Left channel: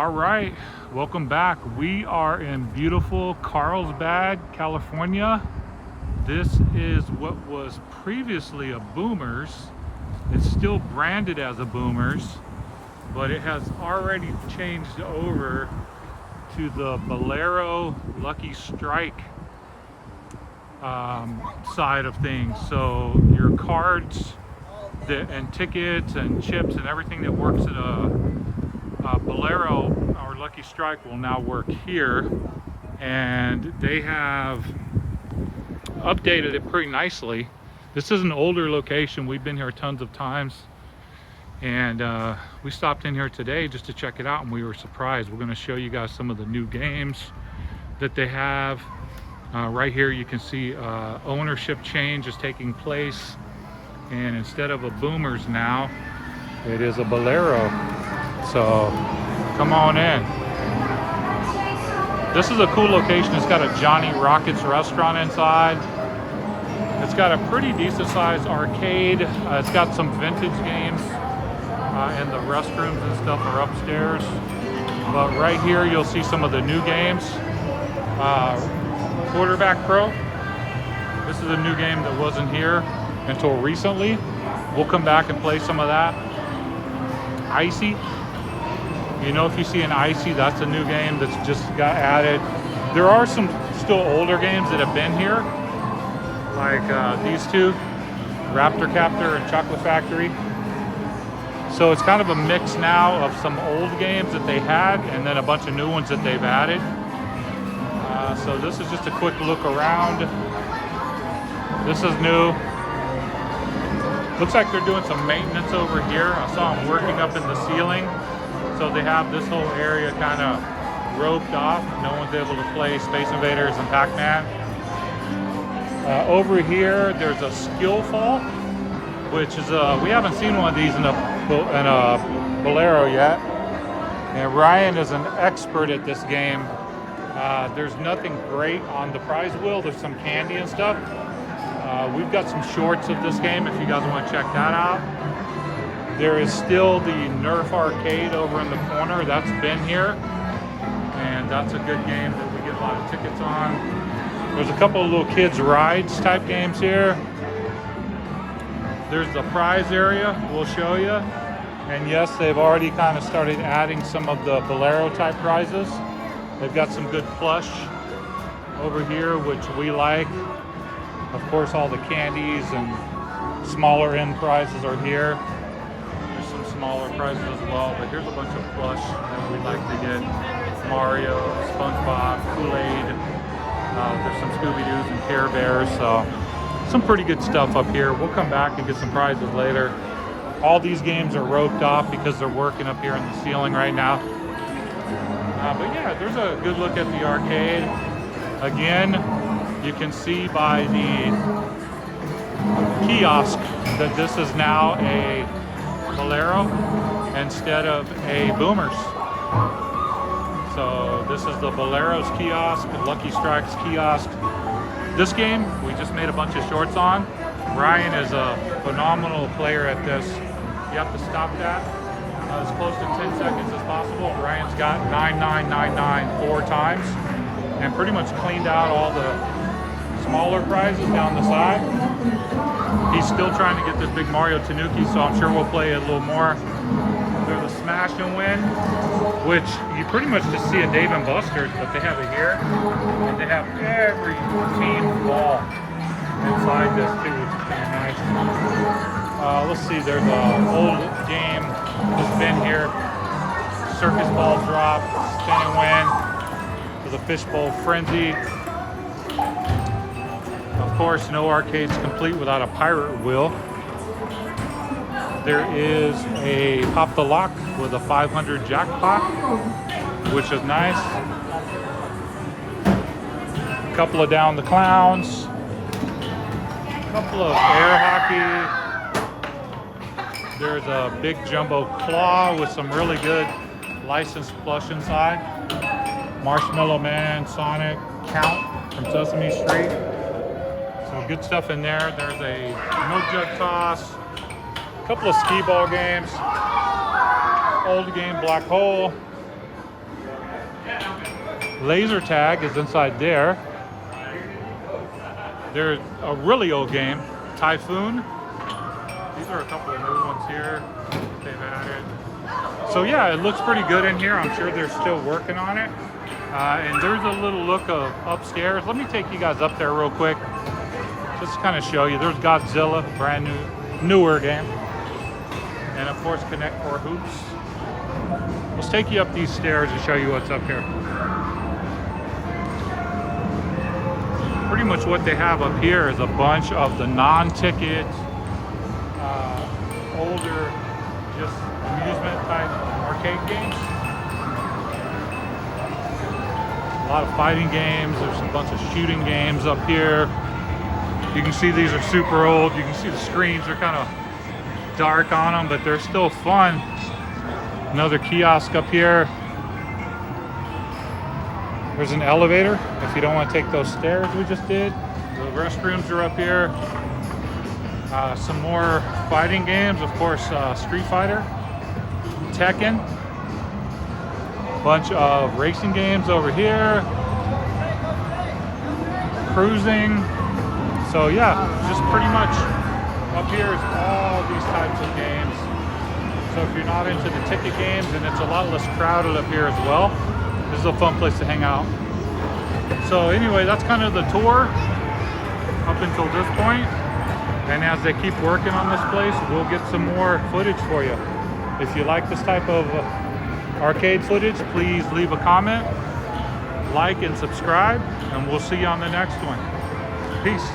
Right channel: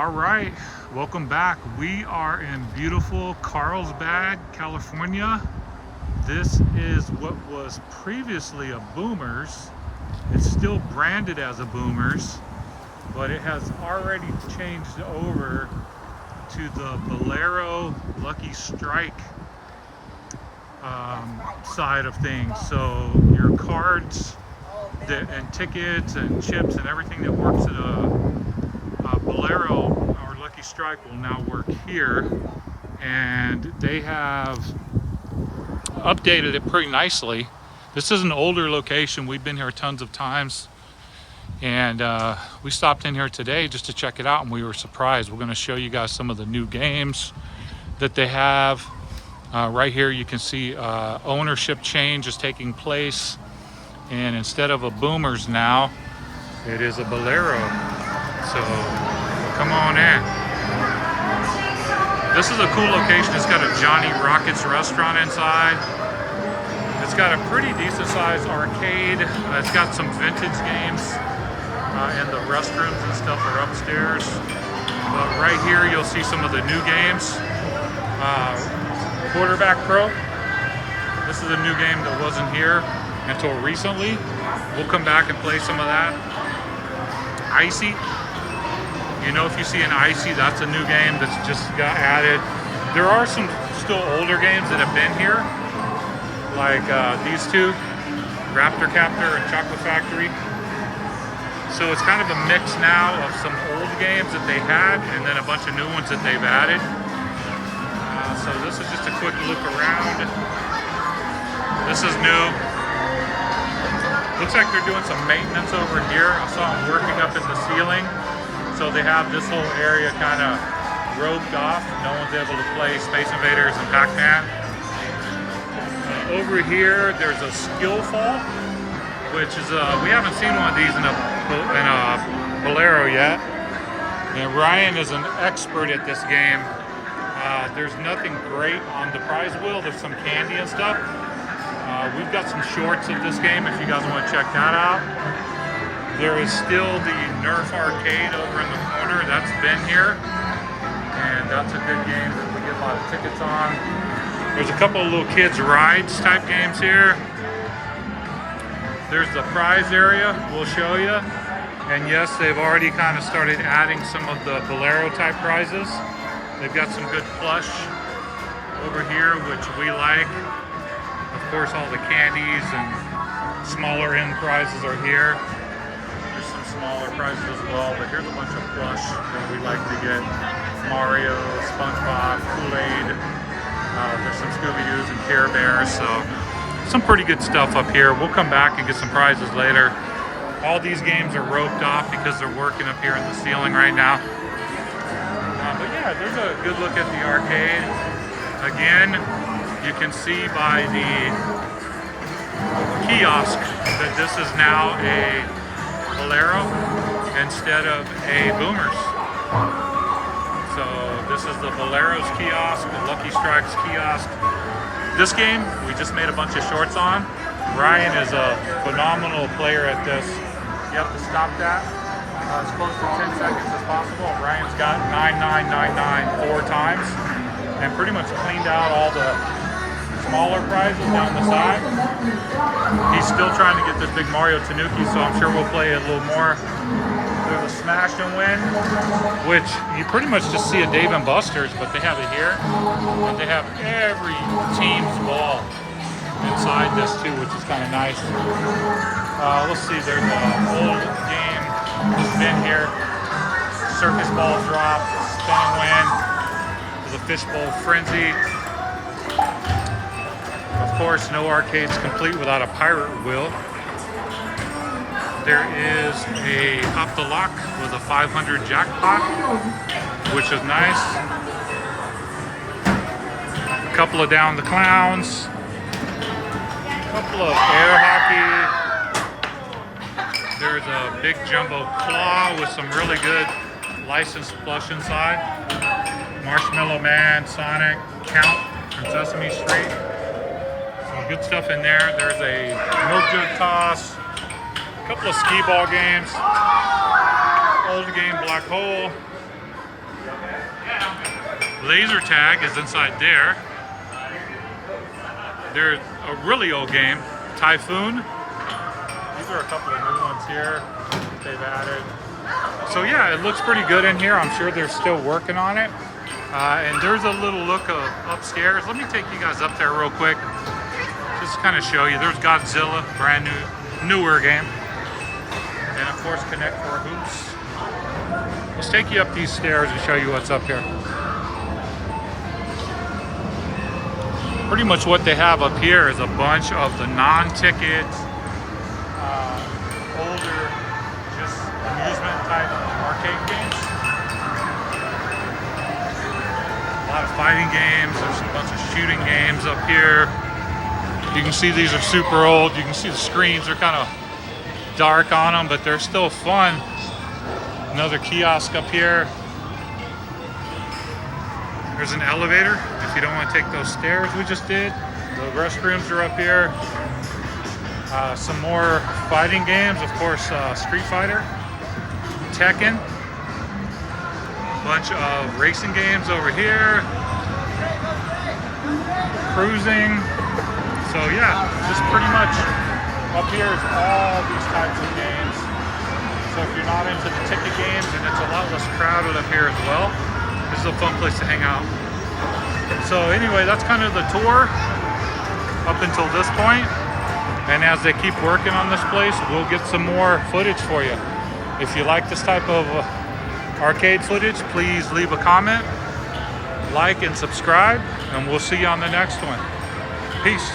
All right, welcome back. We are in beautiful Carlsbad, California. This is what was previously a Boomers. It's still branded as a Boomers, but it has already changed over to the Bowlero Lucky Strike side of things. So your cards and tickets and chips and everything that works at a Bowlero or Lucky Strike will now work here, and they have updated it pretty nicely. This is an older location. We've been here tons of times, and we stopped in here today just to check it out, and we were surprised. We're going to show you guys some of the new games that they have. Right here you can see ownership change is taking place, and instead of a Boomers now, it is a Bowlero. So come on in. This is a cool location. It's got a Johnny Rockets restaurant inside. It's got a pretty decent sized arcade. It's got some vintage games, and the restrooms and stuff are upstairs. But right here you'll see some of the new games. Quarterback Pro. This is a new game that wasn't here until recently. We'll come back and play some of that. Icy. You know, if you see an Icy, that's a new game that's just got added. There are some still older games that have been here, like these two, Raptor Captor and Chocolate Factory. So it's kind of a mix now of some old games that they had and then a bunch of new ones that they've added. So this is just a quick look around. This is new. Looks like they're doing some maintenance over here. I saw them working up in the ceiling. So they have this whole area kind of roped off. No one's able to play Space Invaders and Pac-Man. Over here, there's a skill fall, which is we haven't seen one of these in a Bowlero yet. And Ryan is an expert at this game. There's nothing great on the prize wheel. There's some candy and stuff. We've got some shorts of this game if you guys want to check that out. There is still the Nerf Arcade over in the corner. That's been here, and that's a good game that we get a lot of tickets on. There's a couple of little kids rides type games here. There's the prize area we'll show you, and yes, they've already kind of started adding some of the Bowlero type prizes. They've got some good plush over here, which we like. Of course, all the candies and smaller end prizes are here. There's some smaller prizes as well, but here's a bunch of plush that we like to get. Mario, SpongeBob, Kool-Aid. There's some Scooby-Doos and Care Bears, so some pretty good stuff up here. We'll come back and get some prizes later. All these games are roped off because they're working up here in the ceiling right now. But yeah, there's a good look at the arcade. Again, you can see by the kiosk that this is now a Bowlero instead of a Boomers. So this is the Bowlero's kiosk, the Lucky Strike's kiosk. This game, we just made a bunch of shorts on. Ryan is a phenomenal player at this. You have to stop that as close to 10 seconds as possible. Ryan's got 9999 4 times and pretty much cleaned out all the smaller prizes down the side. He's still trying to get this big Mario Tanuki, so I'm sure we'll play it a little more. There's a Smash and Win, which you pretty much just see at Dave & Buster's, but they have it here. And they have every team's ball inside this too, which is kind of nice. Let's see, there's an old game that's been here. Circus Ball Drop, Spin and Win. There's a Fishbowl Frenzy. Of course, no arcade's complete without a pirate wheel. There is a Hop the Lock with a 500 jackpot, which is nice. A couple of Down the Clowns. A couple of air hockey. There's a big jumbo claw with some really good licensed plush inside. Marshmallow Man, Sonic, Count from Sesame Street. So good stuff in there. There's a milk jug toss, a couple of skee ball games, old game Black Hole, Laser tag is inside there. There's a really old game, Typhoon. These are a couple of new ones here that they've added. So yeah, it looks pretty good in here. I'm sure they're still working on it. And there's a little look of upstairs. Let me take you guys up there real quick. Just to kind of show you. There's Godzilla, brand newer game. And of course, Connect 4 Hoops. Let's take you up these stairs and show you what's up here. Pretty much what they have up here is a bunch of the non-ticket, older, just amusement type arcade games. A lot of fighting games. There's a bunch of shooting games up here. You can see these are super old. You can see the screens are kind of dark on them, but they're still fun. Another kiosk up here. There's an elevator if you don't want to take those stairs we just did. The restrooms are up here. Some more fighting games, of course, Street Fighter, Tekken. Bunch of racing games over here. Cruising. So yeah, just pretty much up here is all these types of games. So if you're not into the ticket games, and it's a lot less crowded up here as well, this is a fun place to hang out. So anyway, that's kind of the tour up until this point. And as they keep working on this place, we'll get some more footage for you. If you like this type of arcade footage, please leave a comment, like, and subscribe, and we'll see you on the next one. Peace.